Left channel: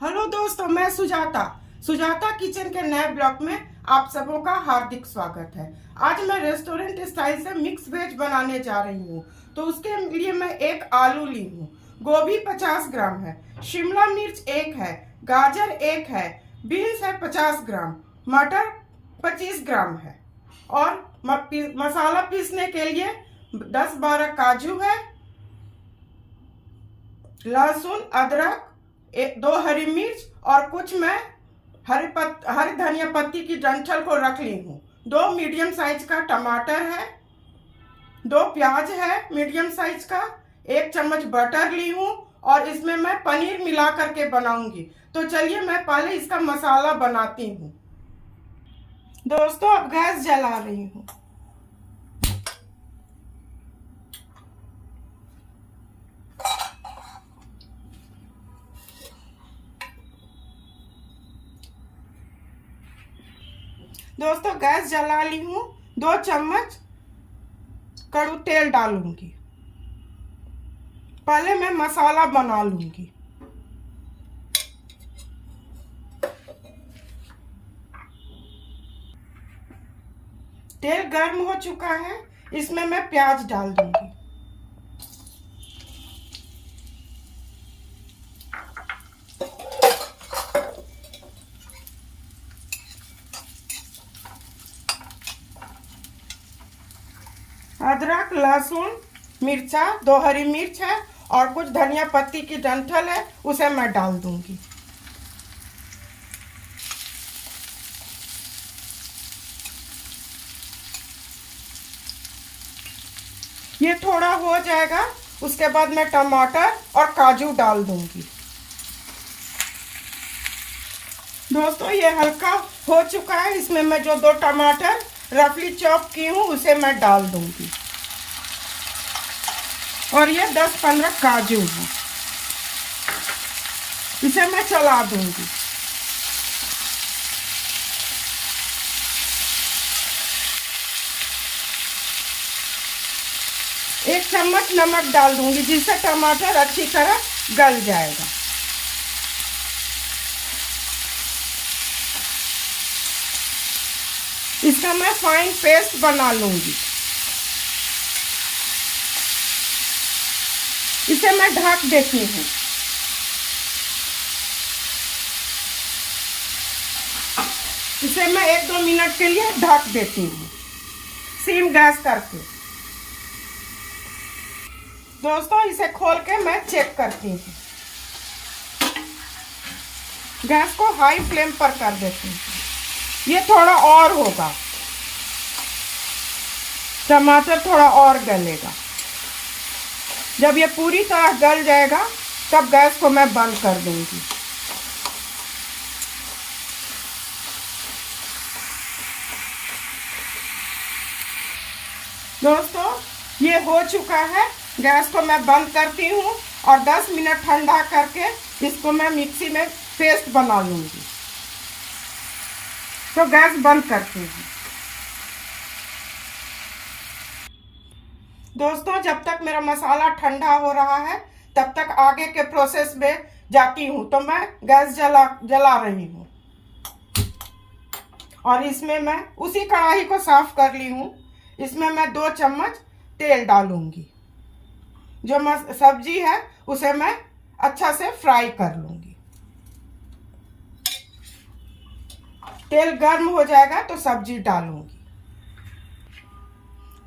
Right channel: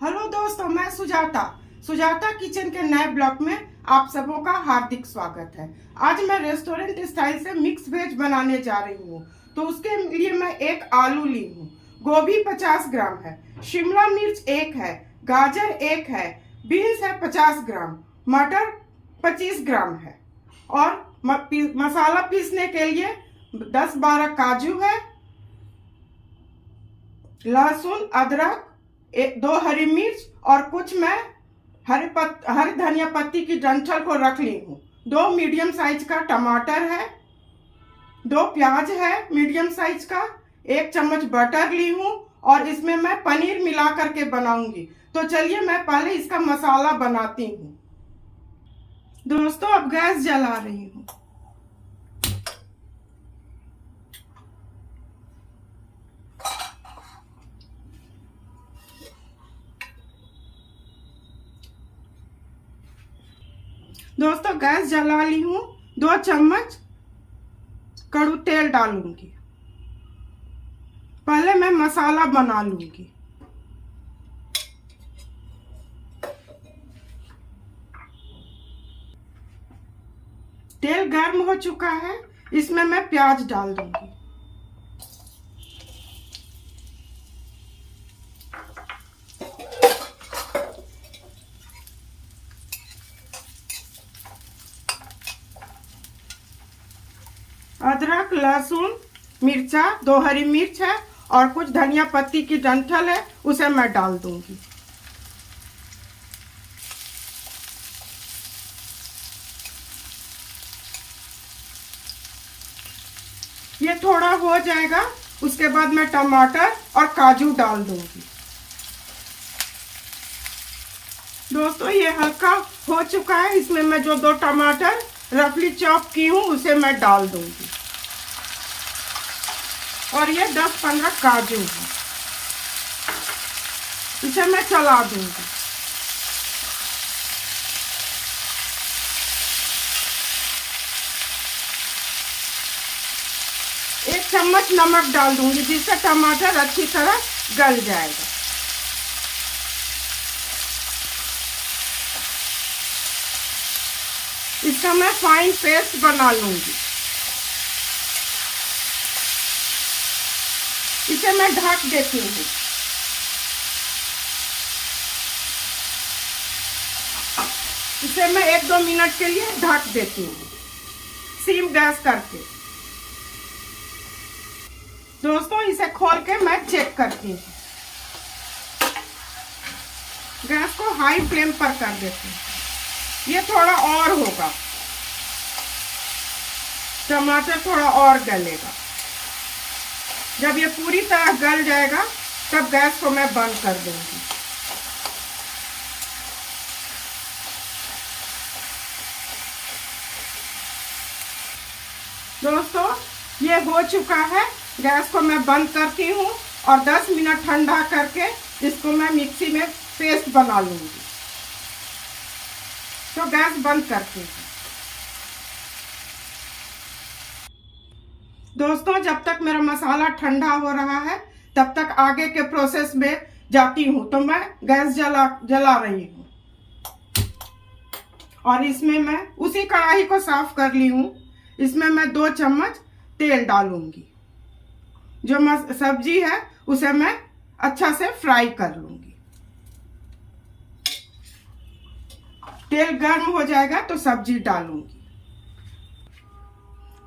Hello दोस्तों, मैं Sujata Sujata kitchen के नए ब्लॉग में आप सबों का हार्दिक स्वागत है। आज मैं रेस्टोरेंट स्टाइल से मिक्स वेज बनाने जा रही हूँ। तो उसके लिए मैं एक आलू ली हूँ, गोभी 50 ग्राम है, शिमला मिर्च 1 है, गाजर 1 है, बीन्स है 50 ग्राम, मटर 25 ग्राम है और मसाला पीसने के लिए 10-12 काजू है, लहसुन, अदरक, 2 हरी मिर्च और कुछ मैं हरी धनिया पत्ती की डंठल को रख ली हूँ। 2 मीडियम साइज का टमाटर है, 2 प्याज है मीडियम साइज का, 1 चम्मच बटर ली हूँ और इसमें मैं पनीर मिला करके बनाऊंगी। तो चलिए मैं पहले इसका मसाला बनाती हूँ। दोस्तों अब गैस जला रही हूँ। दोस्तों गैस जला ली हूँ। 2 चम्मच कड़ू तेल डालूंगी। पहले मैं मसाला बना लूंगी। तेल गर्म हो चुका है, इसमें मैं प्याज डाल दूंगी। अदरक, लहसुन, मिर्चा, 2 हरी मिर्च है और कुछ धनिया पत्ती की डंठल है, उसे मैं डाल दूंगी। ये थोड़ा हो जाएगा, उसके बाद मैं टमाटर और काजू डाल दूंगी। दोस्तों ये हल्का हो चुका है, इसमें मैं जो 2 टमाटर रफली चॉप की हूँ उसे मैं डाल दूंगी और ये 10-15 काजू है, इसे मैं चला दूंगी। एक चम्मच नमक डाल दूंगी जिससे टमाटर अच्छी तरह गल जाएगा। इसका मैं फाइन पेस्ट बना लूंगी। इसे मैं ढक देती हूँ। इसे मैं 1-2 मिनट के लिए ढक देती हूँ, सिम गैस करके। दोस्तों इसे खोल के मैं चेक करती हूँ। गैस को हाई फ्लेम पर कर देती हूँ। ये थोड़ा और होगा, टमाटर थोड़ा और गलेगा। जब ये पूरी तरह गल जाएगा तब गैस को मैं बंद कर दूंगी। दोस्तों ये हो चुका है, गैस को मैं बंद करती हूँ और 10 मिनट ठंडा करके इसको मैं मिक्सी में पेस्ट बना लूंगी। तो गैस बंद करती हूँ। दोस्तों जब तक मेरा मसाला ठंडा हो रहा है तब तक आगे के प्रोसेस में जाती हूँ। तो मैं गैस जला रही हूँ और इसमें मैं उसी कढ़ाई को साफ कर ली हूँ। इसमें मैं 2 चम्मच तेल डालूंगी। जो सब्जी है उसे मैं अच्छा से फ्राई कर लूंगी। तेल गर्म हो जाएगा तो सब्जी डालूंगी।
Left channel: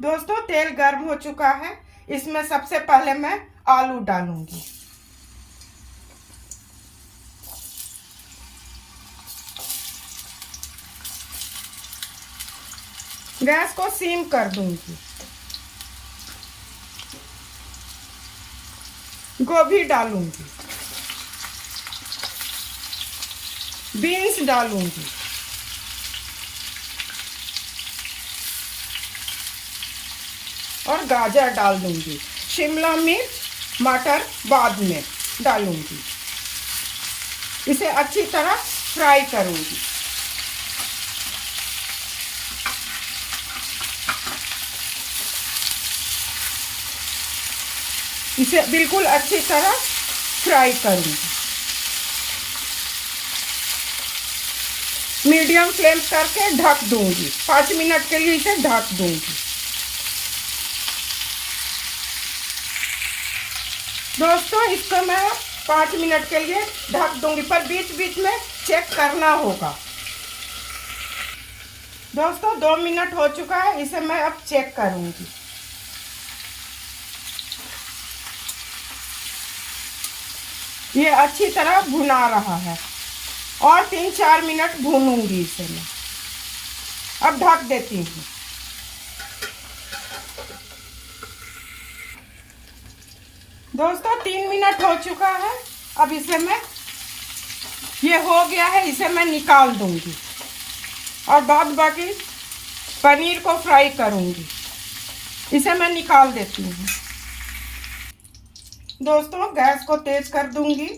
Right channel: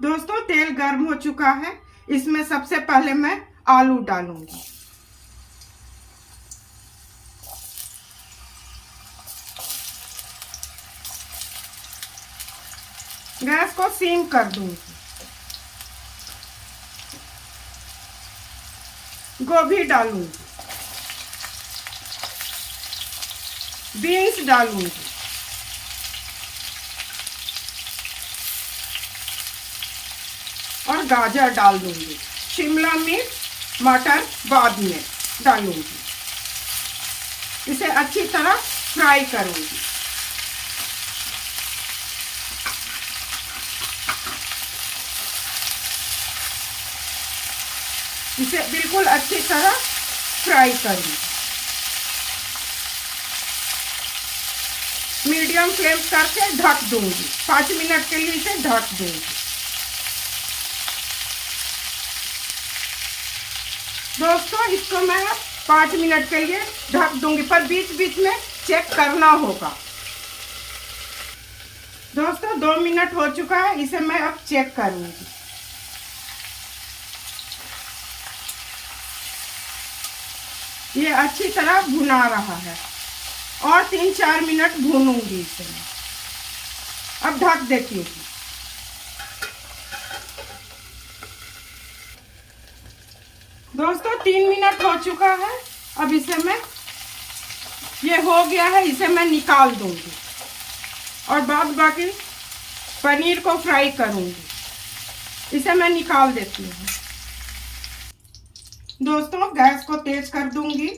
दोस्तों तेल गर्म हो चुका है, इसमें सबसे पहले मैं आलू डालूंगी। गैस को सीम कर दूंगी। गोभी डालूंगी, बीन्स डालूंगी, और गाजर डाल दूंगी। शिमला मिर्च, मटर बाद में डालूंगी। इसे अच्छी तरह फ्राई करूंगी। इसे बिल्कुल अच्छी तरह फ्राई करूंगी। मीडियम फ्लेम करके ढक दूंगी। 5 मिनट के लिए इसे ढक दूंगी। दोस्तों इसको मैं 5 मिनट के लिए ढक दूंगी, पर बीच बीच में चेक करना होगा। दोस्तों 2 मिनट हो चुका है, इसे मैं अब चेक करूंगी। ये अच्छी तरह भुना रहा है और 3-4 मिनट भूनूंगी इसे मैं। अब ढक देती हूँ। दोस्तों 3 मिनट हो चुका है। अब इसे मैं, ये हो गया है, इसे मैं निकाल दूंगी और बाद बाकी पनीर को फ्राई करूंगी। इसे मैं निकाल देती हूँ। दोस्तों गैस को तेज कर दूंगी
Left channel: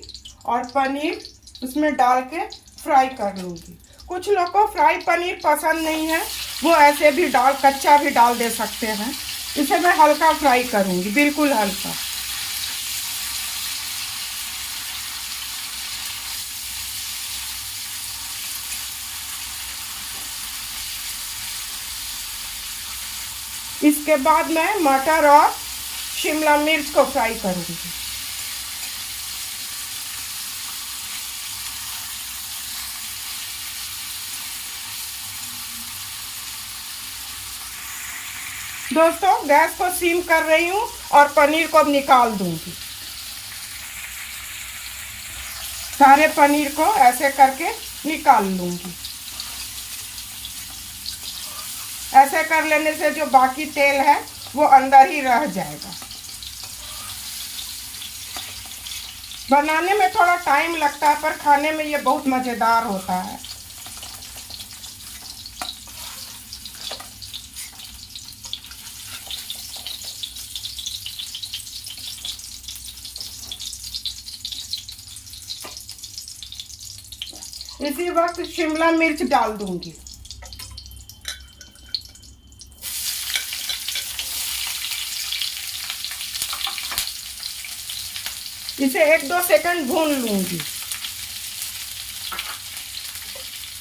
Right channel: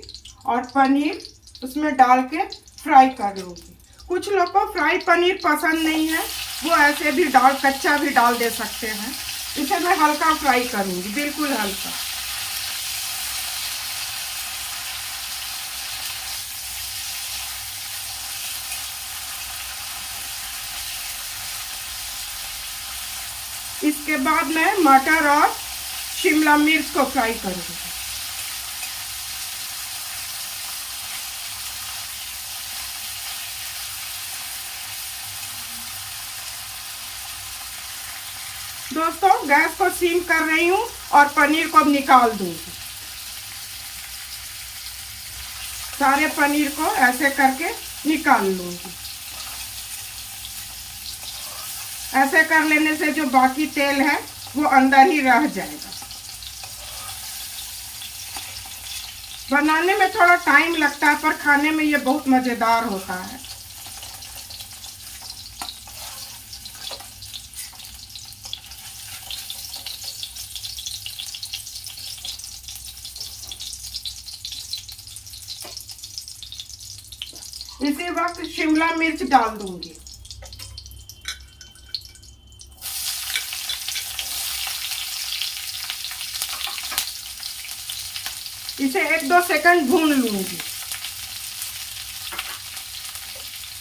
और पनीर उसमें डाल के फ्राई कर लूंगी। कुछ लोग को फ्राई पनीर पसंद नहीं है, वो ऐसे भी कच्चा भी डाल दे सकते हैं। इसे मैं हल्का फ्राई करूंगी, बिल्कुल हल्का। इसके बाद मैं मटर और शिमला मिर्च को फ्राई करूंगी। दोस्तों गैस को सीम कर रही हूँ और पनीर को अब निकाल दूंगी। सारे पनीर को ऐसे करके निकाल लूंगी। ऐसे कर लेने से जो बाकी तेल है वो अंदर ही रह जाएगा। बनाने में थोड़ा टाइम लगता है, पर खाने में ये बहुत मज़ेदार होता है। इसी वक्त शिमला मिर्च डाल दूंगी। इसे 1-2 सेकंड भून लूंगी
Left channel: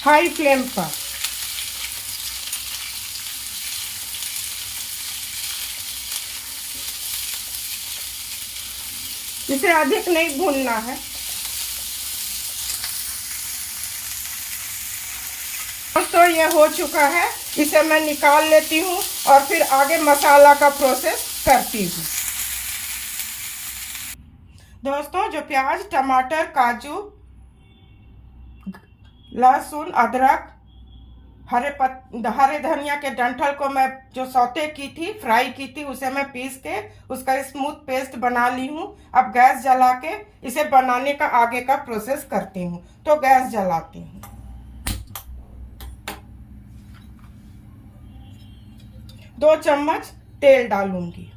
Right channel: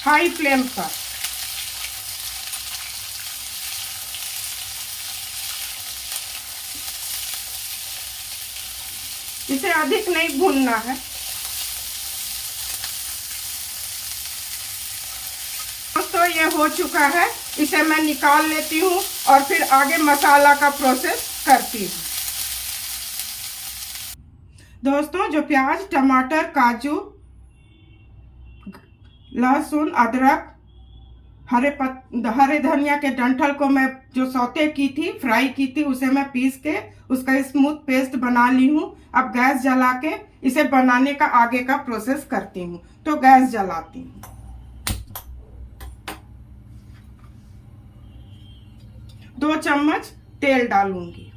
हाई फ्लेम पर। इसे अधिक नहीं भूनना है। तो ये हो चुका है, इसे मैं निकाल लेती हूँ और फिर आगे मसाला का प्रोसेस करती हूँ। दोस्तों जो प्याज, टमाटर, काजू, लहसुन, अदरक, हरे धनिया के डंठल को मैं जो सौते की थी, फ्राई की थी, उसे मैं पीस के उसका स्मूथ पेस्ट बना ली हूँ। अब गैस जला के इसे बनाने का आगे का प्रोसेस करती हूँ। तो गैस जलाती हूँ। 2 चम्मच तेल डालूंगी।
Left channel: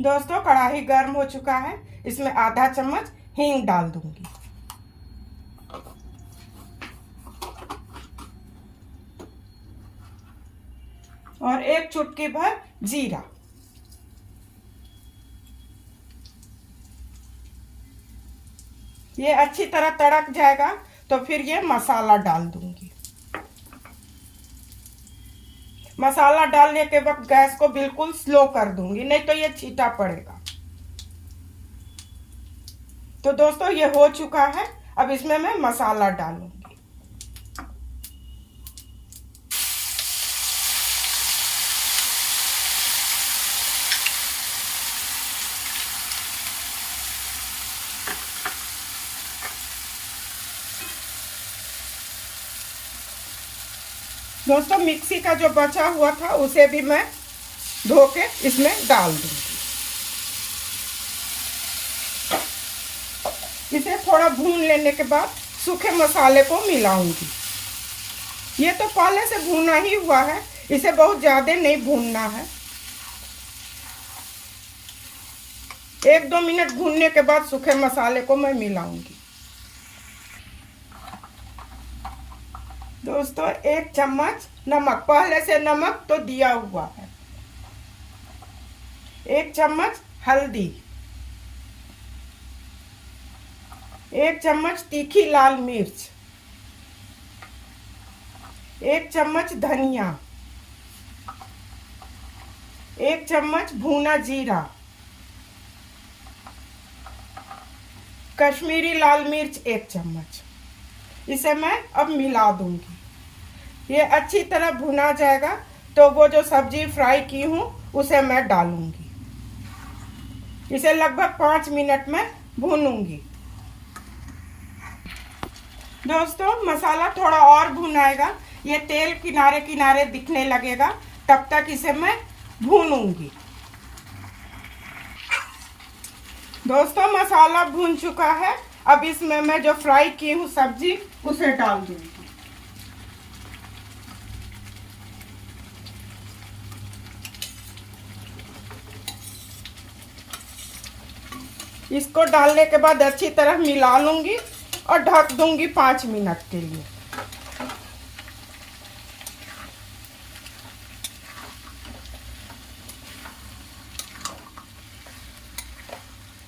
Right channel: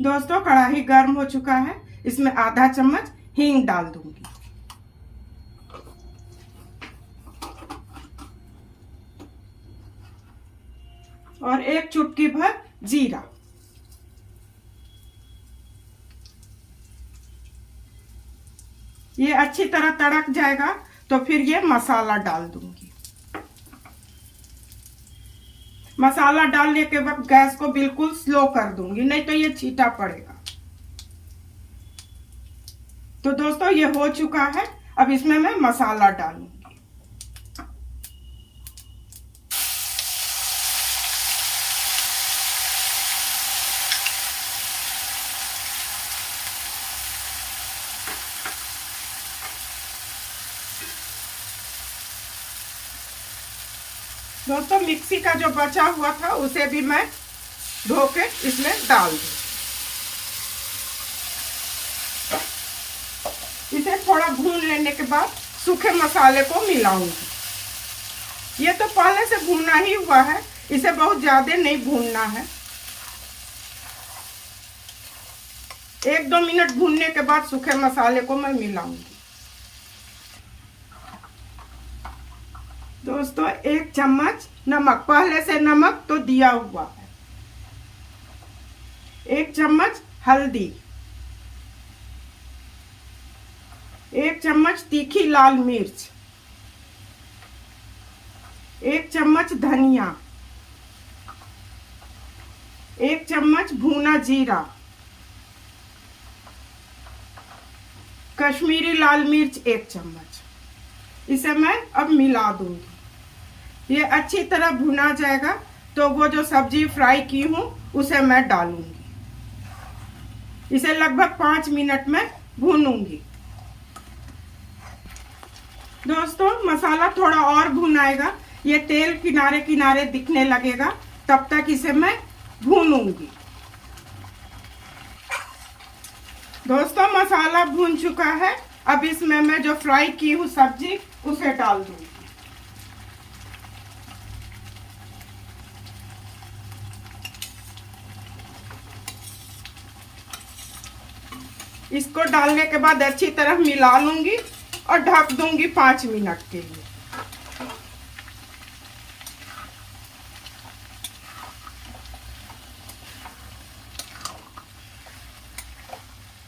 दोस्तों कढ़ाई गर्म हो चुका है, इसमें आधा चम्मच हींग डाल दूंगी। और 1 चुटकी भर जीरा। ये अच्छी तरह तड़क जाएगा तो फिर ये मसाला डाल दूंगी। मसाला डालने के वक्त गैस को बिल्कुल स्लो कर दूंगी, नहीं तो ये छीटा पड़ेगा। तो दोस्तों ये हो चुका है। अब इसमें मैं मसाला डालूंगी। दोस्तों मिक्सी का जो बचा हुआ था उसे भी मैं धो के इसमें डाल दूंगी। इसे थोड़ा भून लेने के बाद सूखे मसाले को मिलाऊंगी। ये तो पहले से भुना ही हुआ है, इसे बहुत ज्यादा नहीं भूनना है। 1-2 मिनट भूनने के बाद सूखे मसाले को मैं मिलाऊंगी। दोस्तों 1 चम्मच नमक, पहले से नमक तो दिया हुआ है। 1 चम्मच हल्दी, 1 चम्मच तीखी लाल मिर्च, 1 चम्मच धनिया, 1 चम्मच भुना जीरा, कश्मीरी लाल मिर्च 1 चम्मच। इसे मैं अब मिला दूंगी। ये अच्छी तरह भुना जाएगा तो वो जो सब्जी फ्राई की हूँ उसे मैं डालूंगी। इसे लगभग 5 मिनट में भूनूंगी। दोस्तों मसाला थोड़ा और भुनाएगा, ये तेल किनारे किनारे दिखने लगेगा, तब तक इसे मैं भूनूंगी। दोस्तों मसाला भून चुका है, अब इसमें मैं जो फ्राई की हूँ सब्जी उसे डाल दूंगी। इसको डालने के बाद अच्छी तरह मिला लूंगी और ढक दूंगी 5 मिनट के लिए।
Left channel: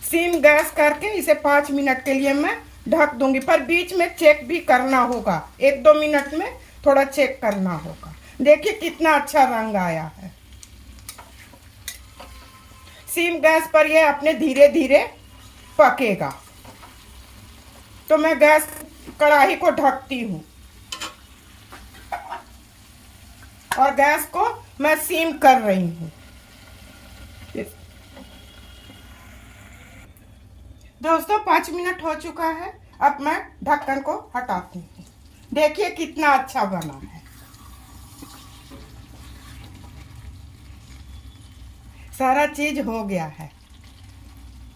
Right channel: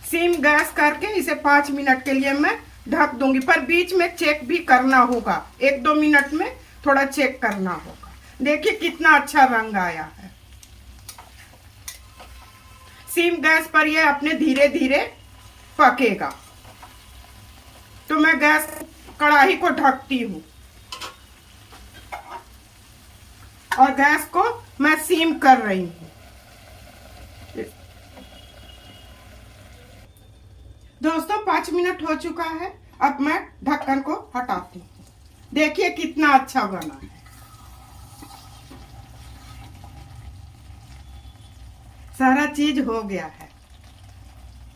सिम गैस करके इसे 5 मिनट के लिए मैं ढक दूंगी, पर बीच में चेक भी करना होगा। 1-2 मिनट में थोड़ा चेक करना होगा। देखिए कितना अच्छा रंग आया है। सिम गैस पर यह अपने धीरे धीरे पकेगा। तो मैं गैस कढ़ाई को ढकती हूँ और गैस को मैं सिम कर रही हूँ। दोस्तों 5 मिनट हो चुका है, अब मैं ढक्कन को हटाती हूँ। देखिए कितना अच्छा बना है। सारा चीज हो गया है।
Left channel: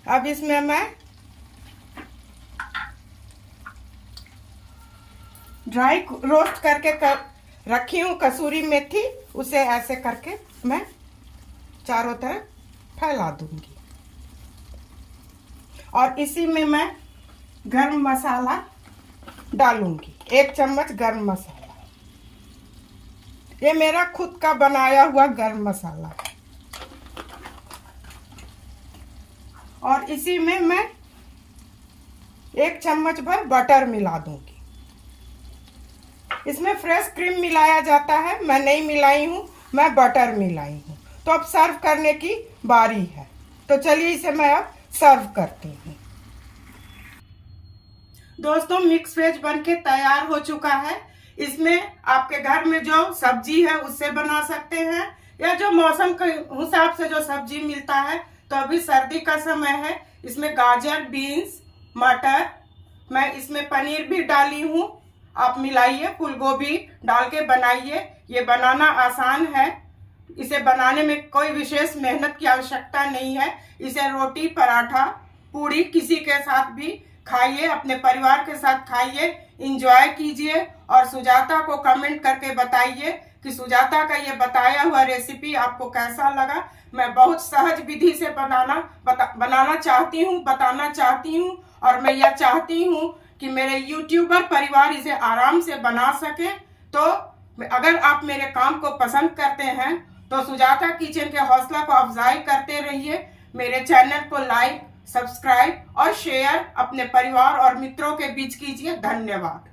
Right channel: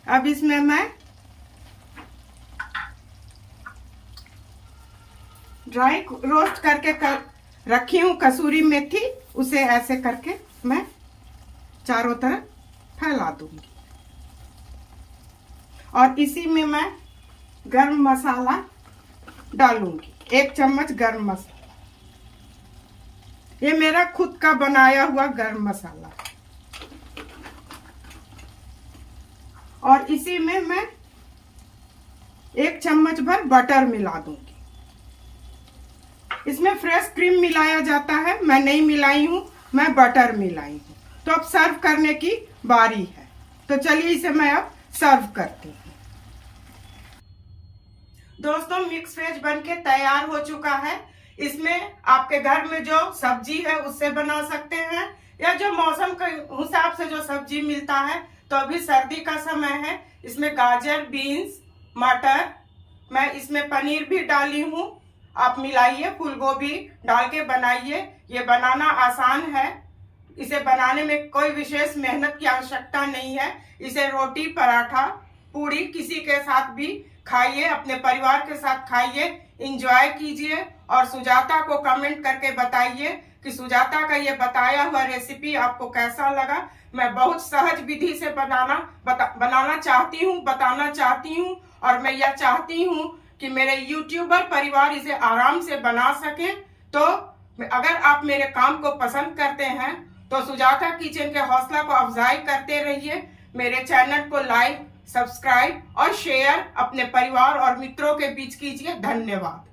अब इसमें मैं ड्राई रोस्ट करके रखी हूँ कसूरी मेथी, उसे ऐसे करके मैं चारों तरफ फैला दूंगी। और इसी में मैं गरम मसाला डालूंगी, 1 चम्मच गरम मसाला। ये मेरा खुद का बनाया हुआ गरम मसाला है। और इसी में मैं 1 चम्मच भर बटर मिला दूंगी। इसमें फ्रेश क्रीम मिलाया जाता है, मैं नहीं मिलाई हूँ, मैं बटर मिलाई हूँ। तो अब सर्व करने की बारी है। तो चलिए इसे मैं अब सर्व करती हूँ। दोस्तों मिक्स वेज बनके तैयार हो चुका है। इसमें आपके घर में जो सब्जी है उससे बना सकते हैं, या जो मौसम के हिसाब से जो सब्जी मिलता है। तो अभी सर्दी का समय है, इसमें गाजर, बीन्स, मटर, मैं इसमें पनीर भी डाली हूँ। आप मिलाइए, फूल गोभी डाल के बनाइए। ये बनाना आसान है। इसे बनाने में कोई विशेष मेहनत की आवश्यकता नहीं है। इसे रोटी, पराठा, पूड़ी किसी के साथ भी खाइए, अपने परिवार के साथ खाइए, एंजॉय कीजिए। और सुजाता को कमेंट करके बताइए कि सुजाता का ये बताया हुआ रेसिपी आपको कैसा लगा। मैं बहुत सहज विधि से बनाना चाहती हूँ, बताना चाहती हूँ। और मैं यह चाहती हूँ कि मेरे यूट्यूबर परिवार इसे आराम से बना सके। तो अगर आप मेरे काम को पसंद करते हैं तो सुजाता किचन के हौसला को अफजाई करते रहिए। मेरे चैनल को लाइक, सब्सक्राइब और शेयर अपने परिवार और मित्रों के बीच कीजिए। धन्यवाद।